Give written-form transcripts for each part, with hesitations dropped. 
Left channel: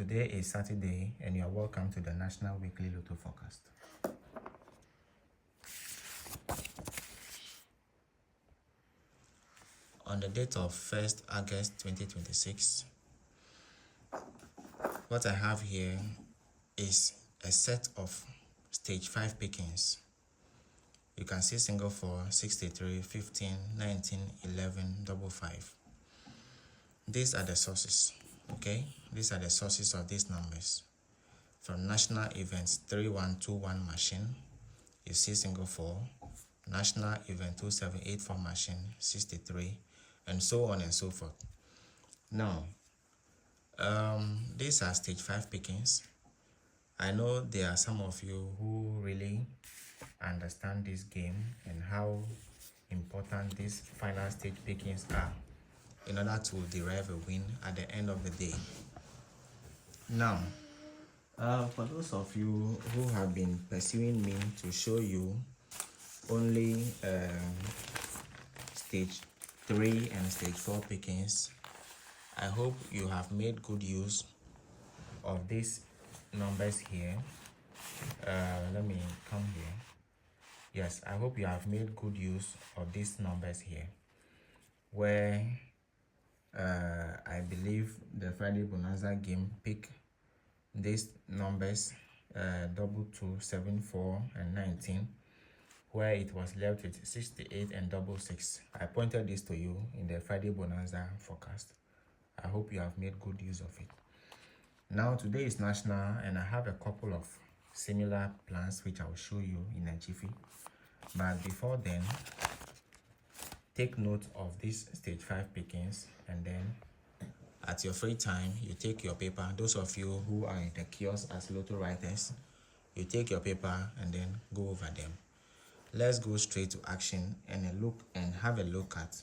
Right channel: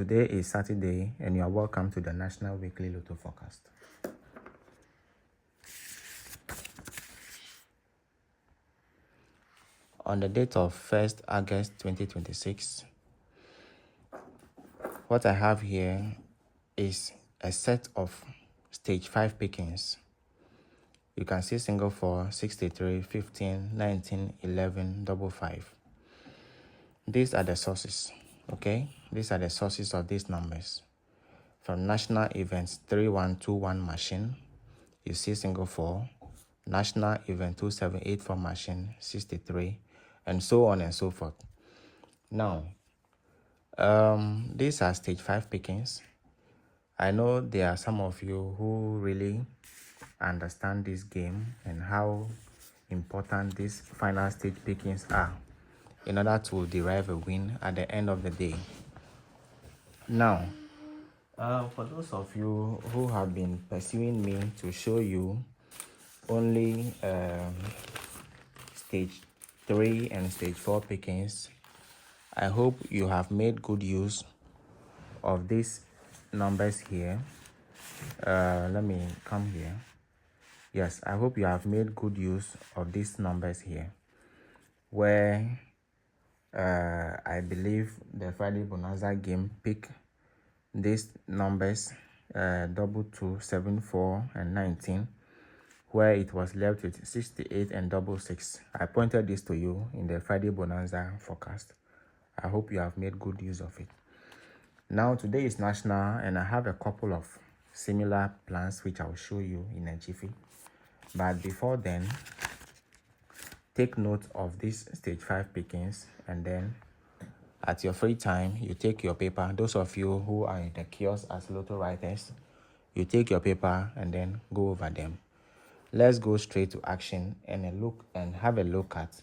Today is Saturday and you are welcome to the National Weekly Lotto Forecast. On the date of 1st August 2026, what I have here is a set of stage 5 pickings. You can see single 4, 63, 15, 19, 11, double 5. These are the sources, okay? These are the sources of these numbers. From National Events 3121 machine, you see single 4, National Event 2784 machine 63, and so on and so forth. Now, these are stage 5 pickings. I know there are some of you who really understand this game and how important these final stage pickings are in order to derive a win at the end of the day. Now, for those of you who have been pursuing me to show you only stage 3 and stage 4 pickings, I hope you have made good use of these numbers here. Let me come here. Yes, I hope you have made good use of these numbers here, where I believe the Friday Bonanza game picked these numbers, double 2, 7, 4, and 19, where it was left with 68 and double 6. I pointed this to you in the Friday Bonanza forecast. I hope you have made good use of it. Now, today is National, and I have a couple of similar plans which I'll show you in a jiffy. But before then, take note of these stage 5 pickings, and then at your free time, you take your paper. Those of you who are in the kiosk as lotto writers, you take your paper and then go over them. Let's go straight to action and have a look at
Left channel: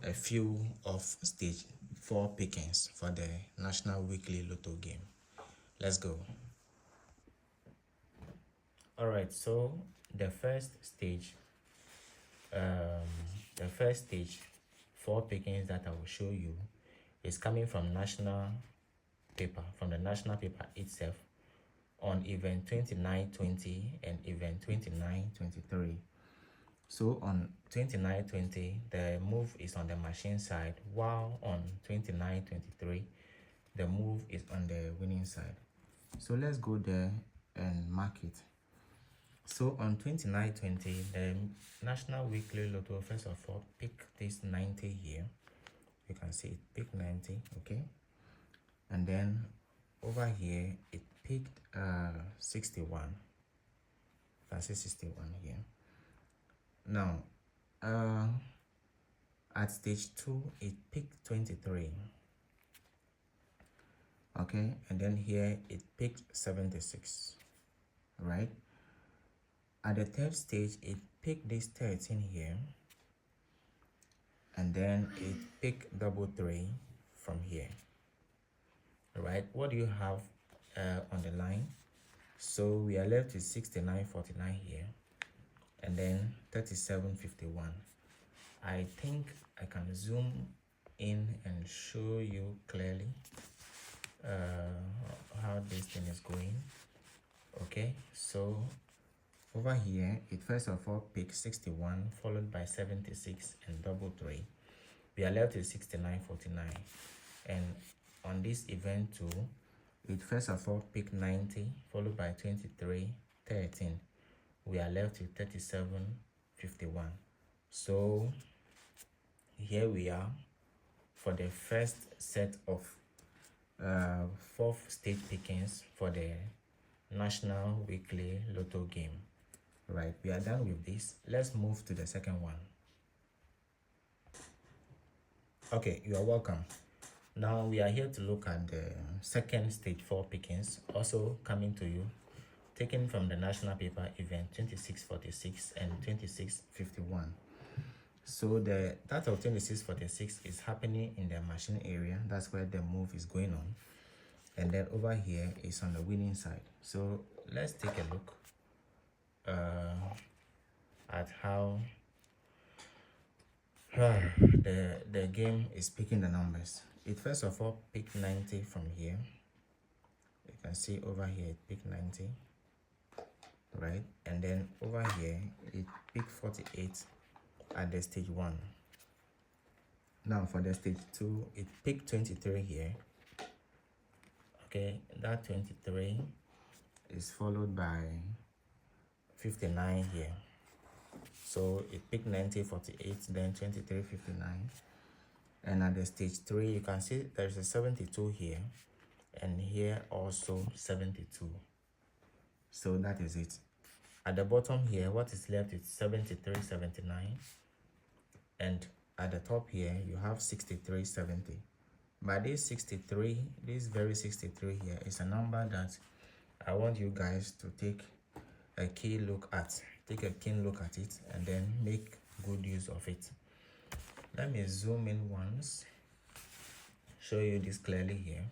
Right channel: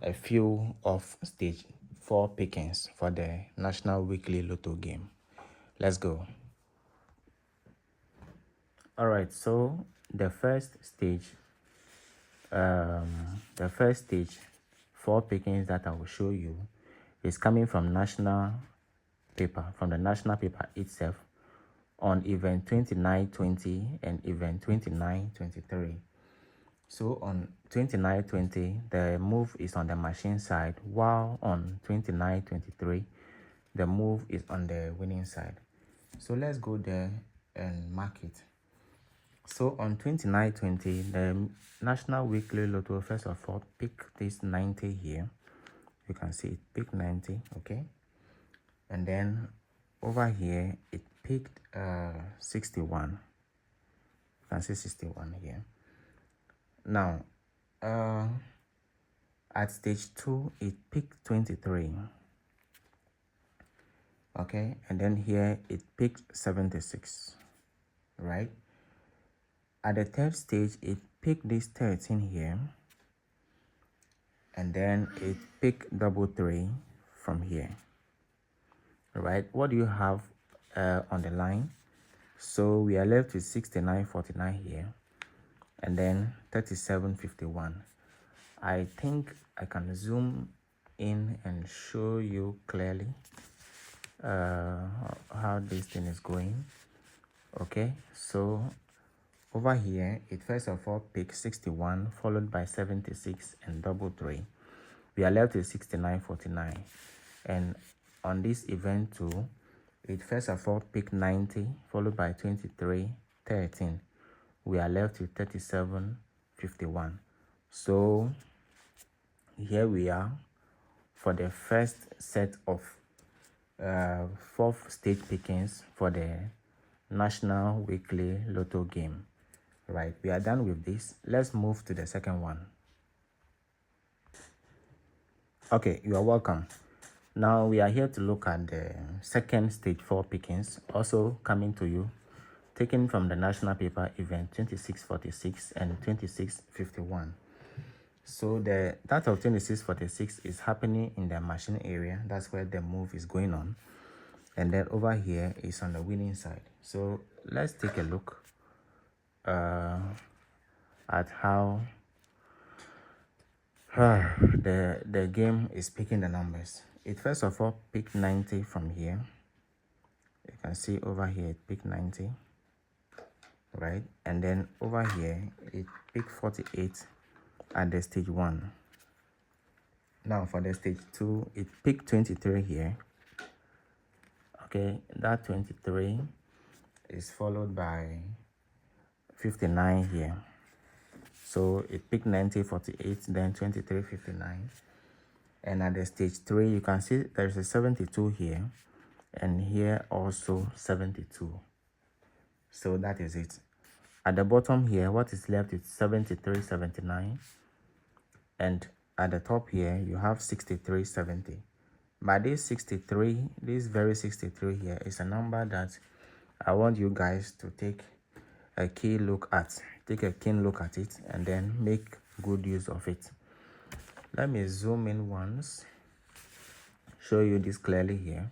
a few of stage 4 pickings for the National Weekly Lotto game. Let's go. All right, so the first stage 4 pickings that I will show you is coming from national paper, from the national paper itself, on event 2920 and event 2923. So on 2920, the move is on the machine side, while on 2923, the move is on the winning side. So let's go there and mark it. So on 2920, the National Weekly Lotto first of all pick this 90 here. You can see it picked 90, okay? And then over here, it picked 61. You can see 61 here. Now, at stage 2, it picked 23. Okay, and then here it picked 76, right? At the third stage, it picked this 13 here, and then it picked double 3 from here. Right, what do you have on the line? So we are left with 69.49 here, and then 37.51. I think I can zoom in and show you clearly how this thing is going. Okay, so over here, it first of all picked 61, followed by 76 and double 3. We are left with 69.49. And on this event too, it first of all picked 90, followed by 23, 13. We are left with 37.51. So here we are for the first set of 4 stage pickings for the National Weekly Lotto game. Right, we are done with this. Let's move to the second one. Okay, you are welcome. Now we are here to look at the second stage 4 pickings, also coming to you, taken from the national paper event 2646 and 2651. So that of 2646 is happening in the machine area. That's where the move is going on. And then over here is on the winning side. So let's take a look at how the game is picking the numbers. It first of all picked 90 from here, can see over here it picked 90, right? And then over here it picked 48 at the stage 1. Now for the stage 2, it picked 23 here. Okay, that 23 is followed by 59 here. So it picked 90, 48, then 23, 59. And at the stage 3, you can see there's a 72 here, and here also 72. So that is it. At the bottom here, what is left is 73, 79. And at the top here, you have 63, 70. But this 63, this very 63 here is a number that I want you guys to take a keen look at it and then make good use of it. Let me zoom in once, show you this clearly here.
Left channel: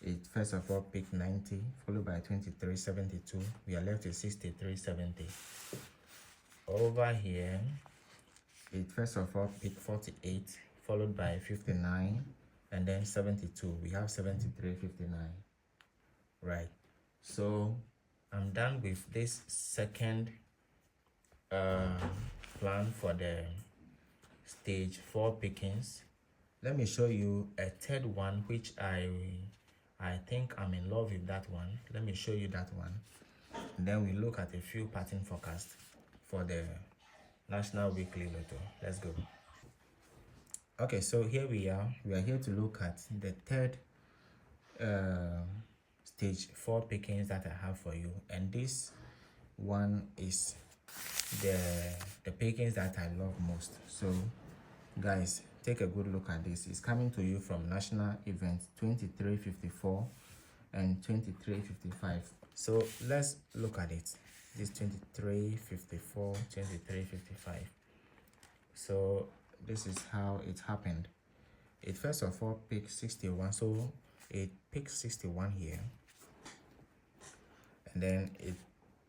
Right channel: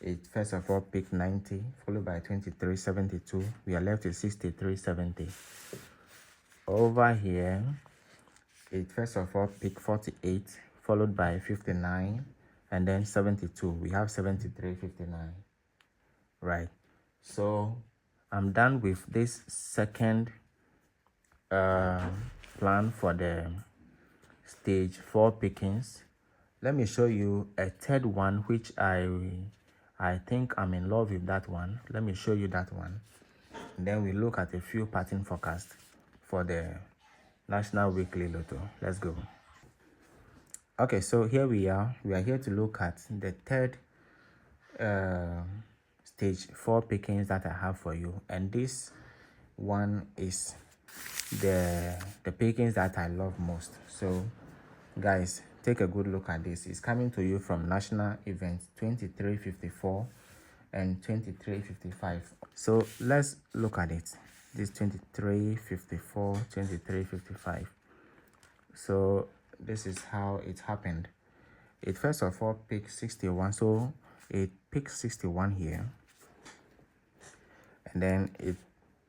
It first of all picked 90, followed by 23, 72. We are left with 63, 70. Over here, it first of all picked 48, followed by 59, and then 72. We have 73, 59. Right. So I'm done with this second plan for the stage 4 pickings. Let me show you a third one, which I think I'm in love with that one. Let me show you that one. And then we look at a few pattern forecasts for the National Weekly Lotto. Let's go. Okay, so here we are. We are here to look at the third stage 4 pickings that I have for you. And this one is the pickings that I love most. So guys, take a good look at this. It's coming to you from national events 2354 and 2355. So let's look at it. This 2354, 2355. So this is how it happened. It first of all picked 61. So it picked 61 here, and then it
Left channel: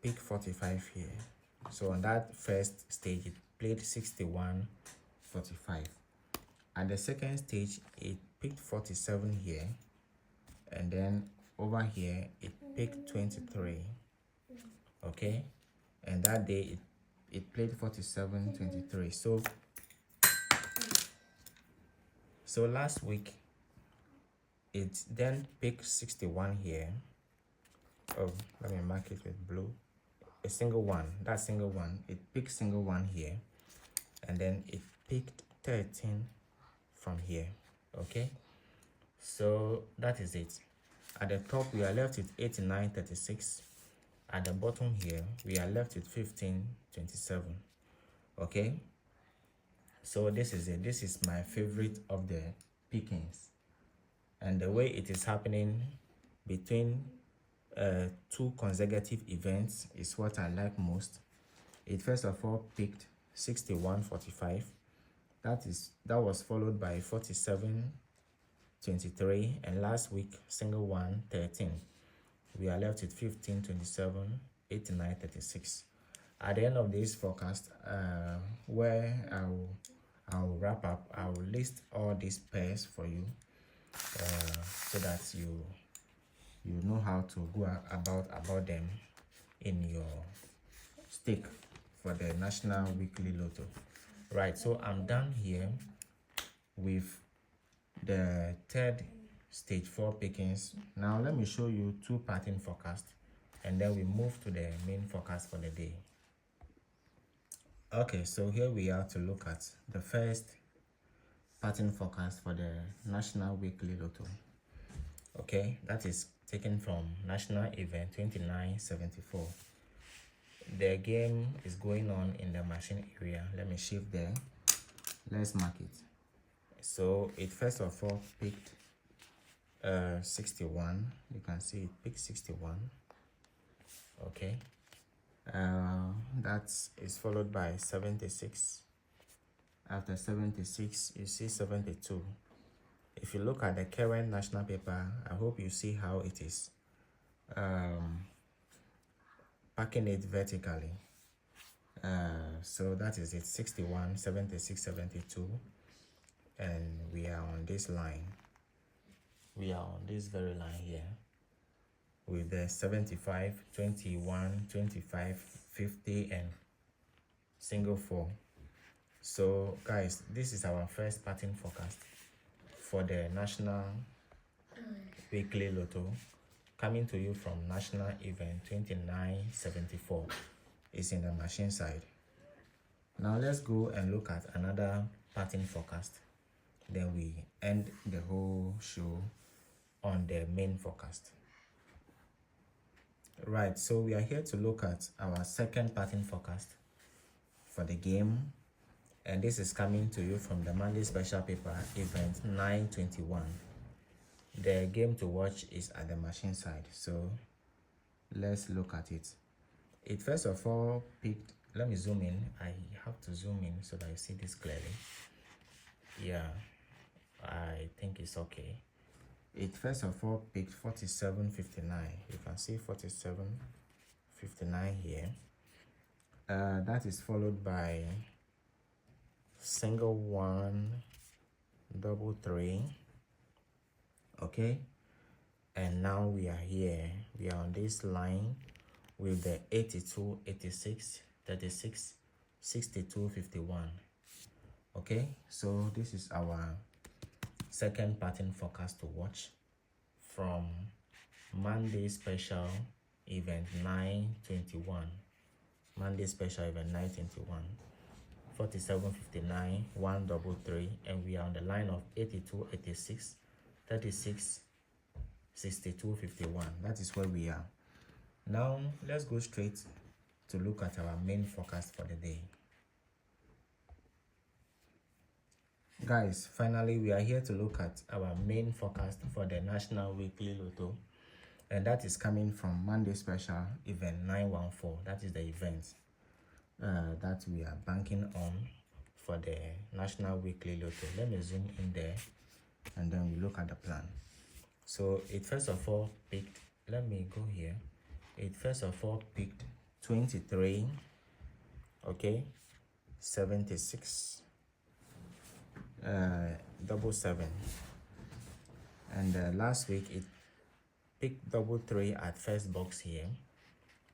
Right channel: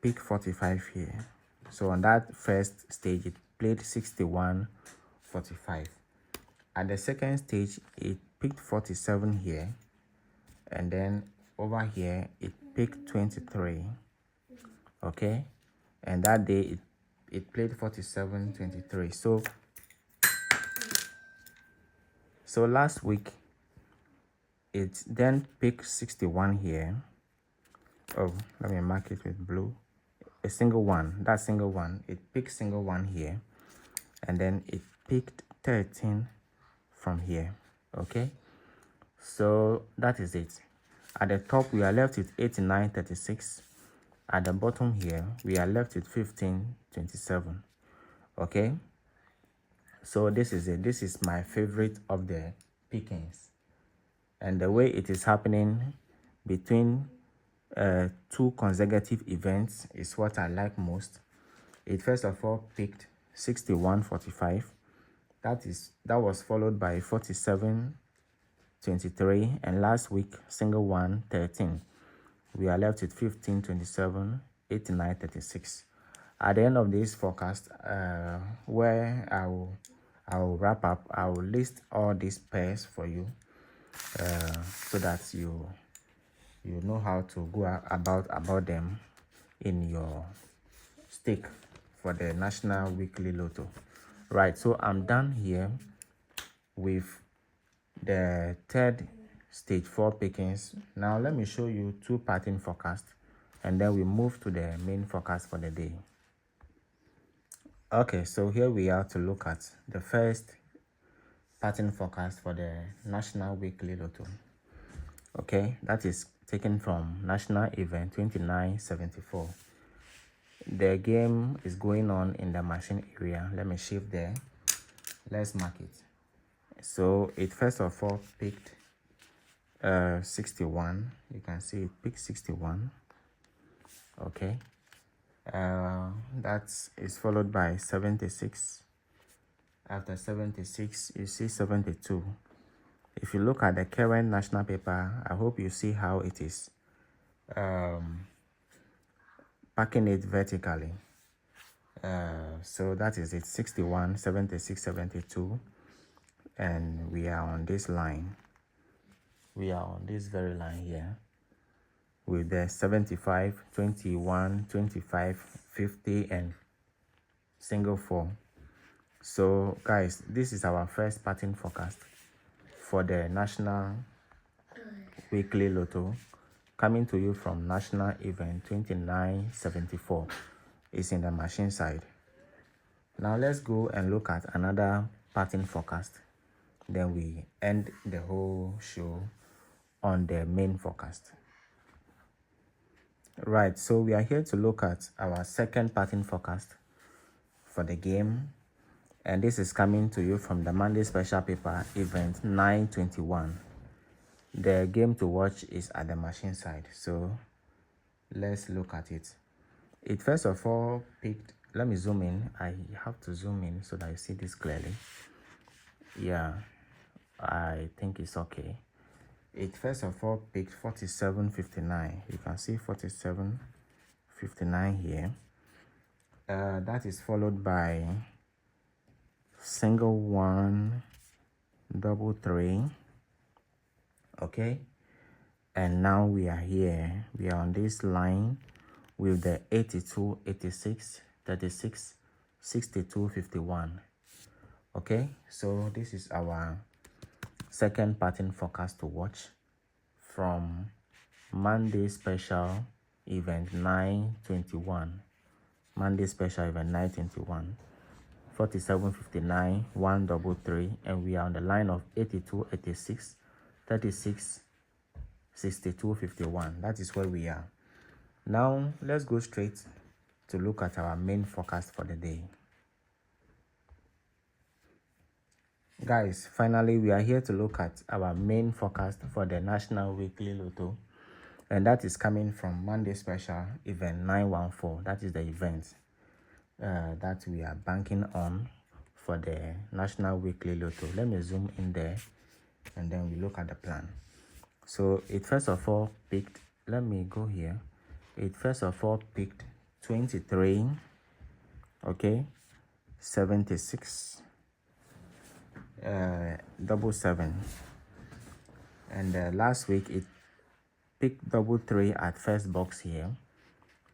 picked 45 here. So on that first stage, it played 61, 45. At the second stage, it picked 47 here, and then over here it picked 23. Okay, and that day it played 47, 23. So last week it then picked 61 here. Oh, let me mark it with blue. A single one, that single one, it picked single one here, and then it picked 13 from here. Okay, so that is it. At the top we are left with 89, 36. At the bottom here we are left with 15, 27. Okay, so this is it. This is my favorite of the pickings, and the way it is happening between 2 consecutive events is what I like most. It first of all picked 61, 45. That was followed by 47, 23, and last week single one, 13. We are left with 15, 27, 89, 36. At the end of this forecast, where I will wrap up, I will list all these pairs for you, so that you know how to go about them in your stake for the National Weekly Lotto. Right, so I'm done here with the third stage 4 pickings. Now let me show you 2 pattern forecasts, and then we move to the main forecast for the day. Okay, so here we are to look at the first pattern forecast for the National Weekly Lotto. Okay, that is taken from national event 2974. The game is going on in the machine area. Let me shift there. Let's mark it. So it first of all picked 61. You can see it picked 61. Okay, that is followed by 76. After 76 you see 72. If you look at the current national paper, I hope you see how it is packing it vertically. So that is it. 61, 76, 72, and we are on this line. We are on this very line here. with the 75, 21, 25, 50, and single 4. So guys, this is our first pattern forecast for the National Weekly Lotto, coming to you from National Event 2974. It's in the machine side. Now let's go and look at another pattern forecast. Then we end the whole show on the main forecast. Right, so we are here to look at our second pattern forecast for the game, and this is coming to you from the Monday special paper event 921. The game to watch is at the machine side, so let's look at it. It first of all picked, let me zoom in. I have to zoom in so that you see this clearly. Yeah, I think it's okay. It first of all picked 47.59. You can see 47.59 here. That is followed by single 1, double 3. Okay, and now we are here. We are on this line with the 82, 86, 36, 62, 51. Okay, so this is our second pattern forecast to watch from Monday special event 921. Monday special event 921, 47.59, 133, and we are on the line of 82, 86, 36, 62, 51. That is where we are. Now let's go straight to look at our main forecast for the day. Guys, finally we are here to look at our main forecast for the National Weekly Lotto, and that is coming from Monday special event 914. That is the event that we are banking on for the National Weekly Lotto. Let me zoom in there and then we look at the plan. So it first of all picked, let me go here. It first of all picked 23, okay, 76, double 7, and last week it picked double 3 at first box here.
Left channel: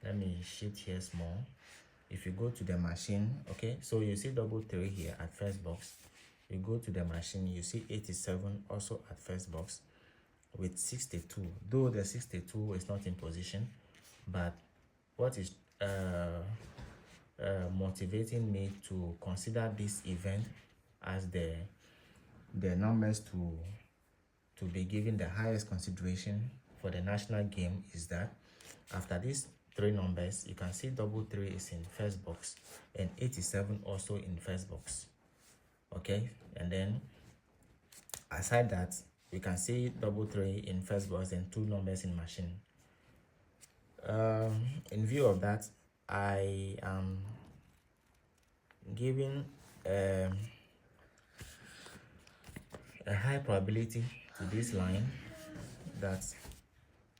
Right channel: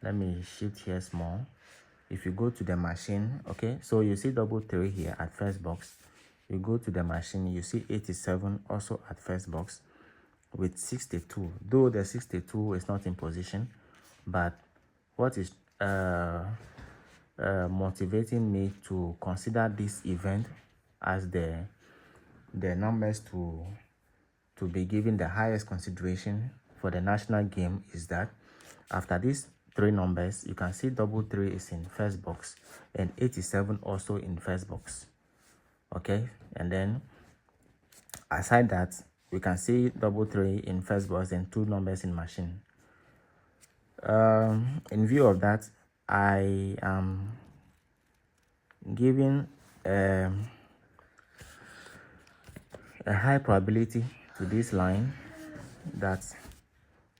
Let me shift here small. If you go to the machine, okay, so you see double 3 here at first box. You go to the machine, you see 87 also at first box with 62, though the 62 is not in position, but what is motivating me to consider this event as the numbers to be given the highest consideration for the national game is that after these 3 numbers, you can see double 3 is in first box and 87 also in first box. Okay, and then aside that, we can see double 3 in first box and 2 numbers in machine. In view of that, I am giving a high probability to this line that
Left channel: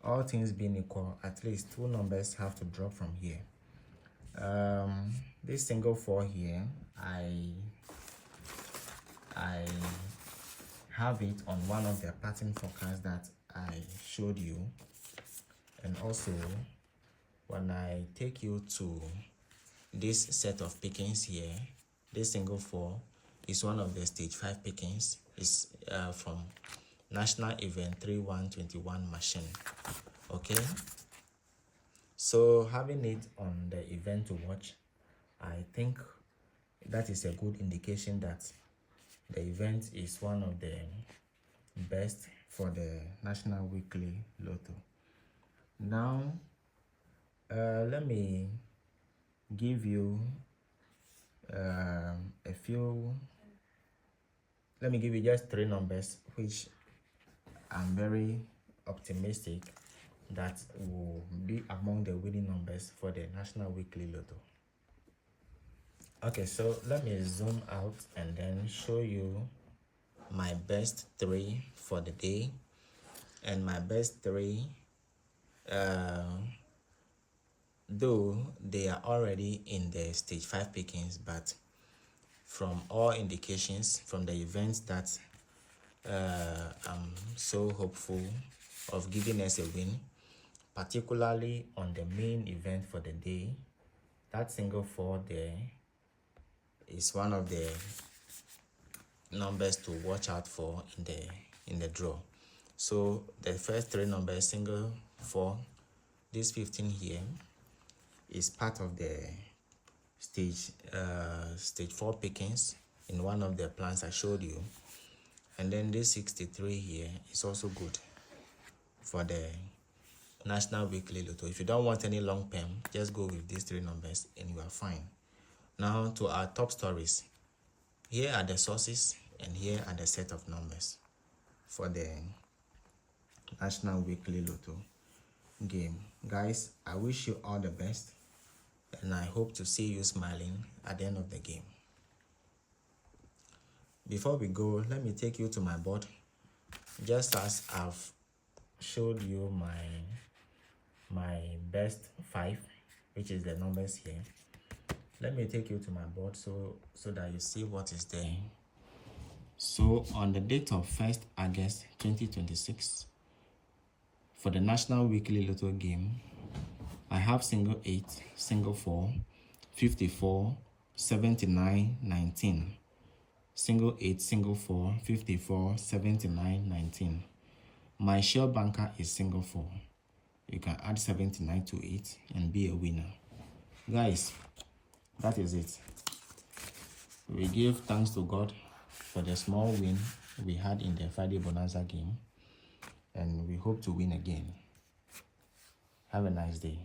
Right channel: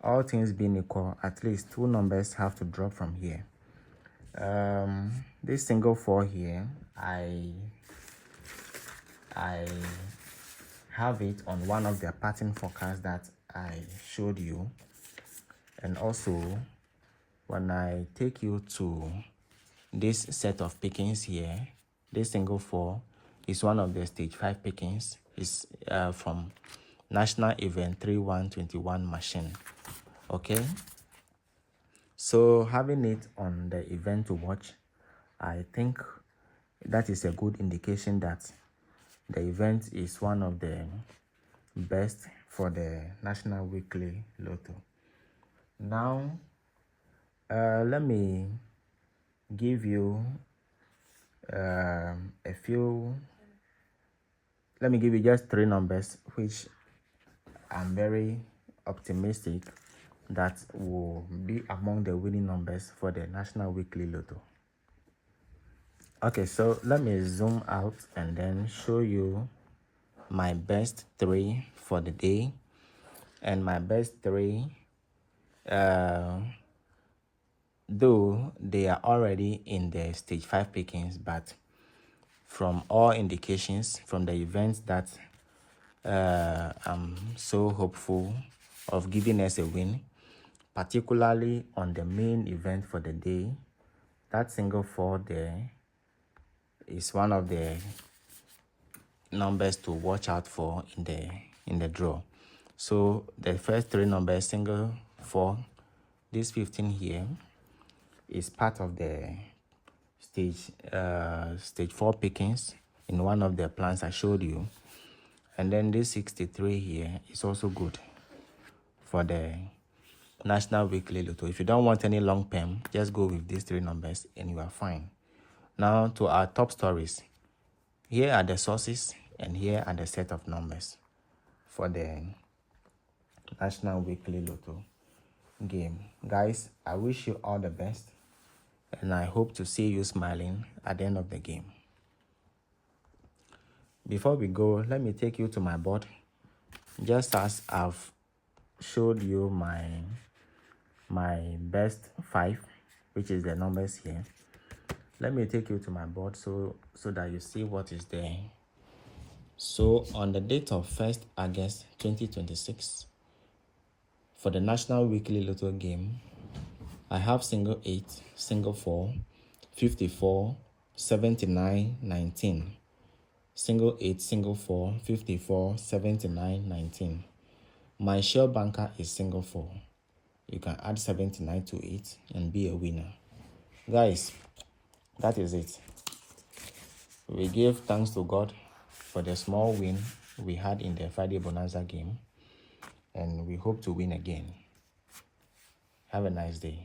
all things being equal, at least 2 numbers have to drop from here. This single 4 here, I have it on one of the pattern forecasts that I showed you, and also when I take you to this set of pickings here, this single 4 is one of the stage 5 pickings. Is from National Event 3121 machine. Okay, so having it on the event to watch, I think that is a good indication that the event is one of the best for the National Weekly Lotto. Now let me give you let me give you just 3 numbers which I'm very optimistic that will be among the winning numbers for the National Weekly Lotto. Okay, so let me zoom out and then show you my best 3 for the day. And my best 3, though they are already in the stage 5 pickings, but from all indications from the events that I'm so hopeful of giving us a win, particularly on the main event for the day. That single 4 there is one of the numbers to watch out for in the draw. So the first 3 numbers, single 4, this 15 here is part of the stage 4 pickings in one of the plans I showed you. And then this 63 here is also good for the National Weekly Lotto. If you don't want any long term, just go with these 3 numbers and you are fine. Now to our top stories. Here are the sources and here are the set of numbers for the National Weekly Lotto game. Guys, I wish you all the best and I hope to see you smiling at the end of the game. Before we go, let me take you to my board. Just as I've showed you my best 5, which is the numbers here, let me take you to my board so that you see what is there. So on the date of 1st August 2026, for the National Weekly Lotto game, I have single 8, single 4, 54, 79, 19. Single 8, single 4, 54, 79, 19. My share banker is single 4. You can add 79 to it and be a winner. Guys, that is it. We give thanks to God for the small win we had in the Friday Bonanza game, and we hope to win again. Have a nice day.